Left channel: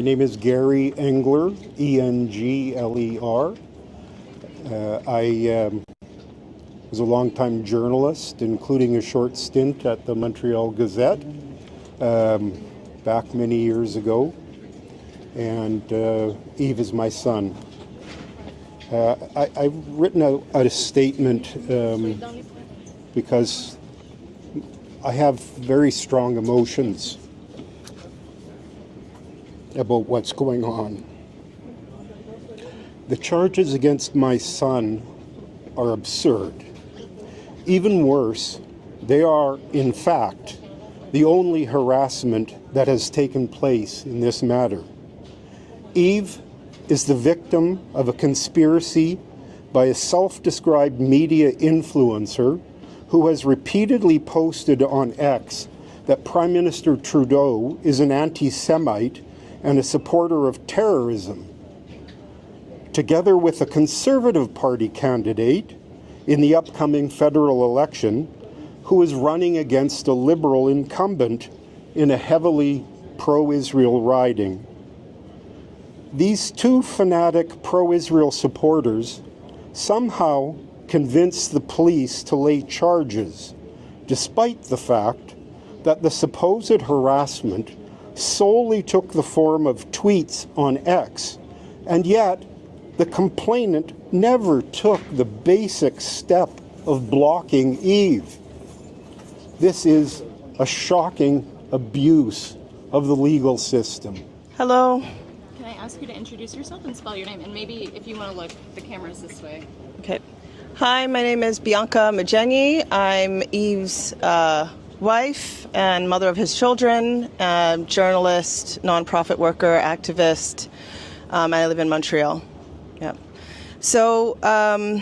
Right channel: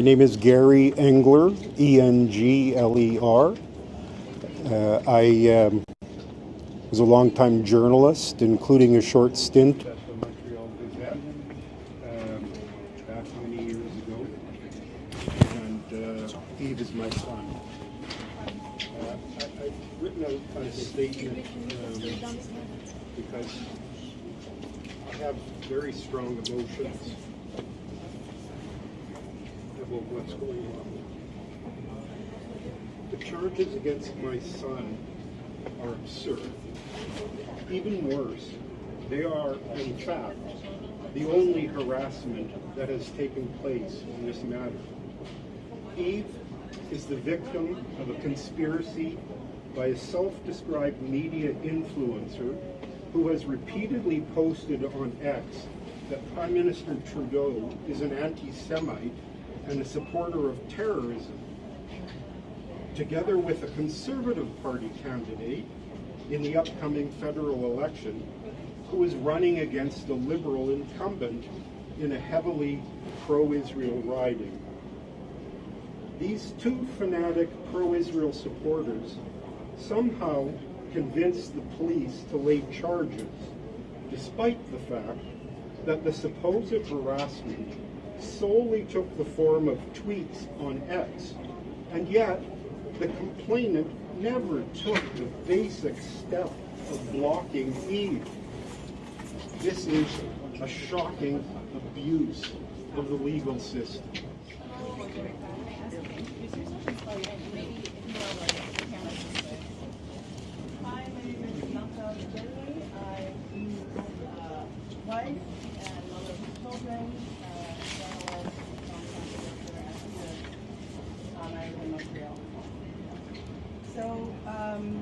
My name is Gary Engler, E-N-G-L-E-R. I was a longtime journalist, including a short stint at the Montreal Gazette back many years ago. And Yves is my son. I've written out a statement because I have very strong emotions about what's going on. The charges against my son are absurd. Even worse, they are, in fact, the only harassment that has taken place in this matter. Yves is the victim of a conspiracy by a self-described media influencer who has repeatedly posted on X that Prime Minister Trudeau is an anti-Semite and a supporter of terrorism, together with a Conservative Party candidate in the upcoming federal election who is running against a Liberal incumbent in a heavily pro-Israel riding. These two fanatic pro-Israel supporters somehow convinced the police to lay charges, despite the fact that the supposed harassment solely took the form of tweets on X, and yet the complainant never took the basic step of blocking Yves. This is a shocking abuse of the legal system. Hello. Can I ask you to introduce yourself and spell your name? And maybe if you want to look, the camera's this way. Okay. Hi, my name is Bianca Magenyi. I'm Yves' wife and mother of his children, journalist, nonprofit worker, activist, and I live in Montreal. Yeah. So I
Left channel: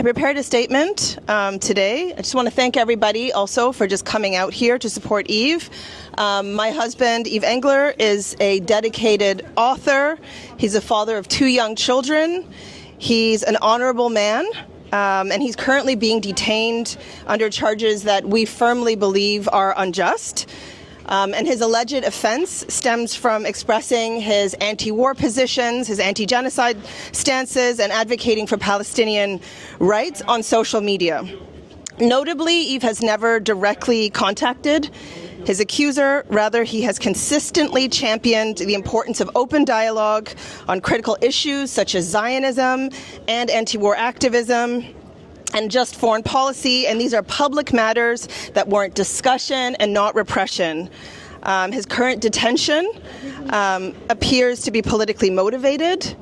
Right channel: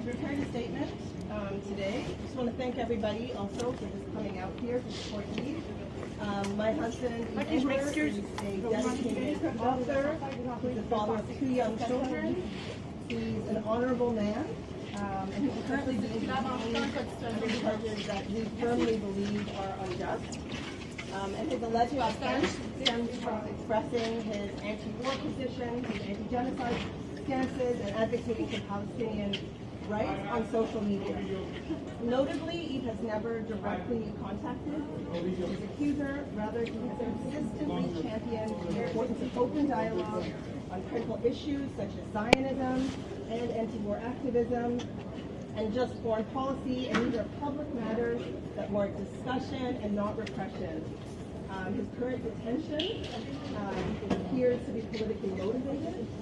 prepared a statement today. I just want to thank everybody also for just coming out here to support Yves. My husband, Yves Engler, is a dedicated author. He's a father of 2 young children. He's an honorable man. And he's currently being detained under charges that we firmly believe are unjust. And his alleged offense stems from expressing his anti-war positions, his anti-genocide stances, and advocating for Palestinian rights on social media. Notably, Yves has never directly contacted his accuser. Rather, he has consistently championed the importance of open dialogue on critical issues such as Zionism and anti-war activism and just foreign policy, and these are public matters that warrant discussion and not repression. His current detention appears to be politically motivated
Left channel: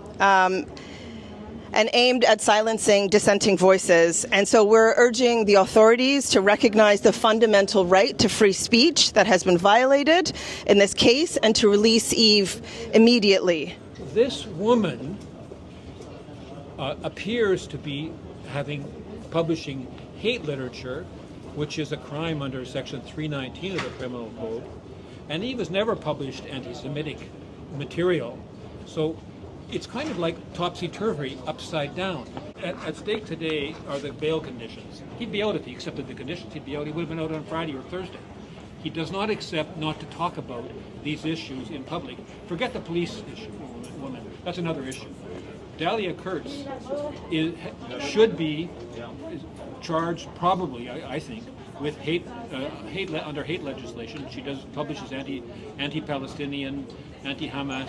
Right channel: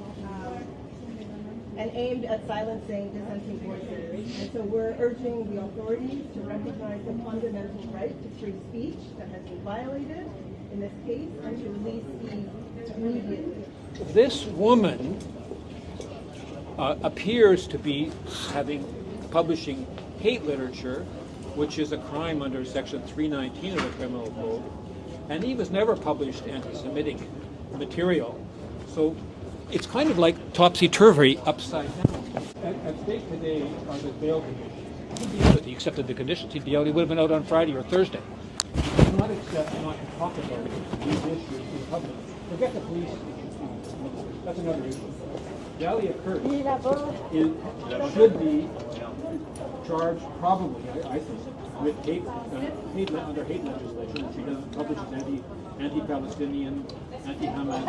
and aimed at silencing dissenting voices. And so we're urging the authorities to recognize the fundamental right to free speech that has been violated in this case and to release Yves immediately. This woman appears to be publishing hate literature, which is a crime under Section 319 of the Criminal Code. And Yves has never published anti-Semitic material. So it's kind of like topsy-turvy, upside down. At stake today are the bail conditions. He'd be out if he accepted the conditions. He'd be out. He would have been out on Friday or Thursday. He does not accept not to talk about these issues in public. Forget the police issue, woman. That's another issue. Dahlia Kurtz should be charged, probably, I think, with under hate legislation. She publishes anti-Palestinian, anti-Hamas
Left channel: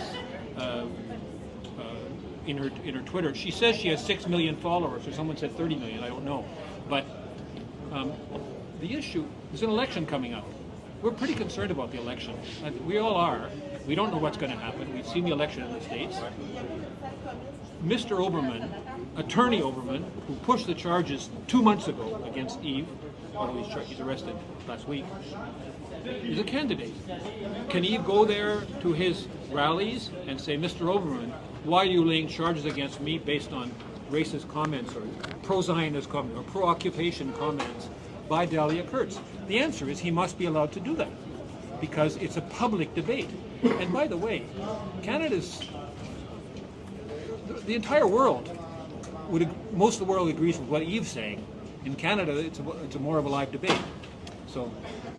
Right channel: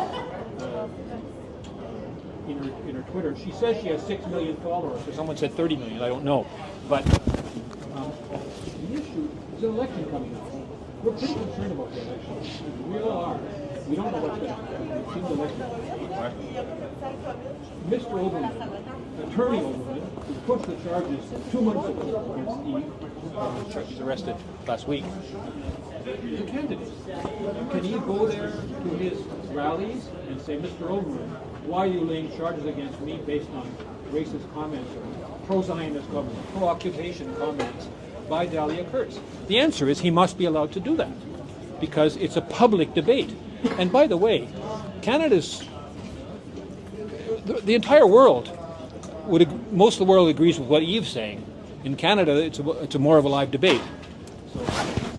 in her Twitter. She says she has 6 million followers, or someone said 30 million, I don't know. But the issue, there's an election coming up. We're pretty concerned about the election. We all are. We don't know what's going to happen. We've seen the election in the States. Mr. Oberman, Attorney Oberman, who pushed the charges 2 months ago against Yves, he's arrested last week, is a candidate. Can Yves go there to his rallies and say, Mr. Oberman, why are you laying charges against me based on racist comments or pro-Zionist comments or pro-occupation comments by Dahlia Kurtz? The answer is he must be allowed to do that because it's a public debate. And by the way, the entire world, most of the world agrees with what Yves is saying. In Canada, it's more of a live debate. So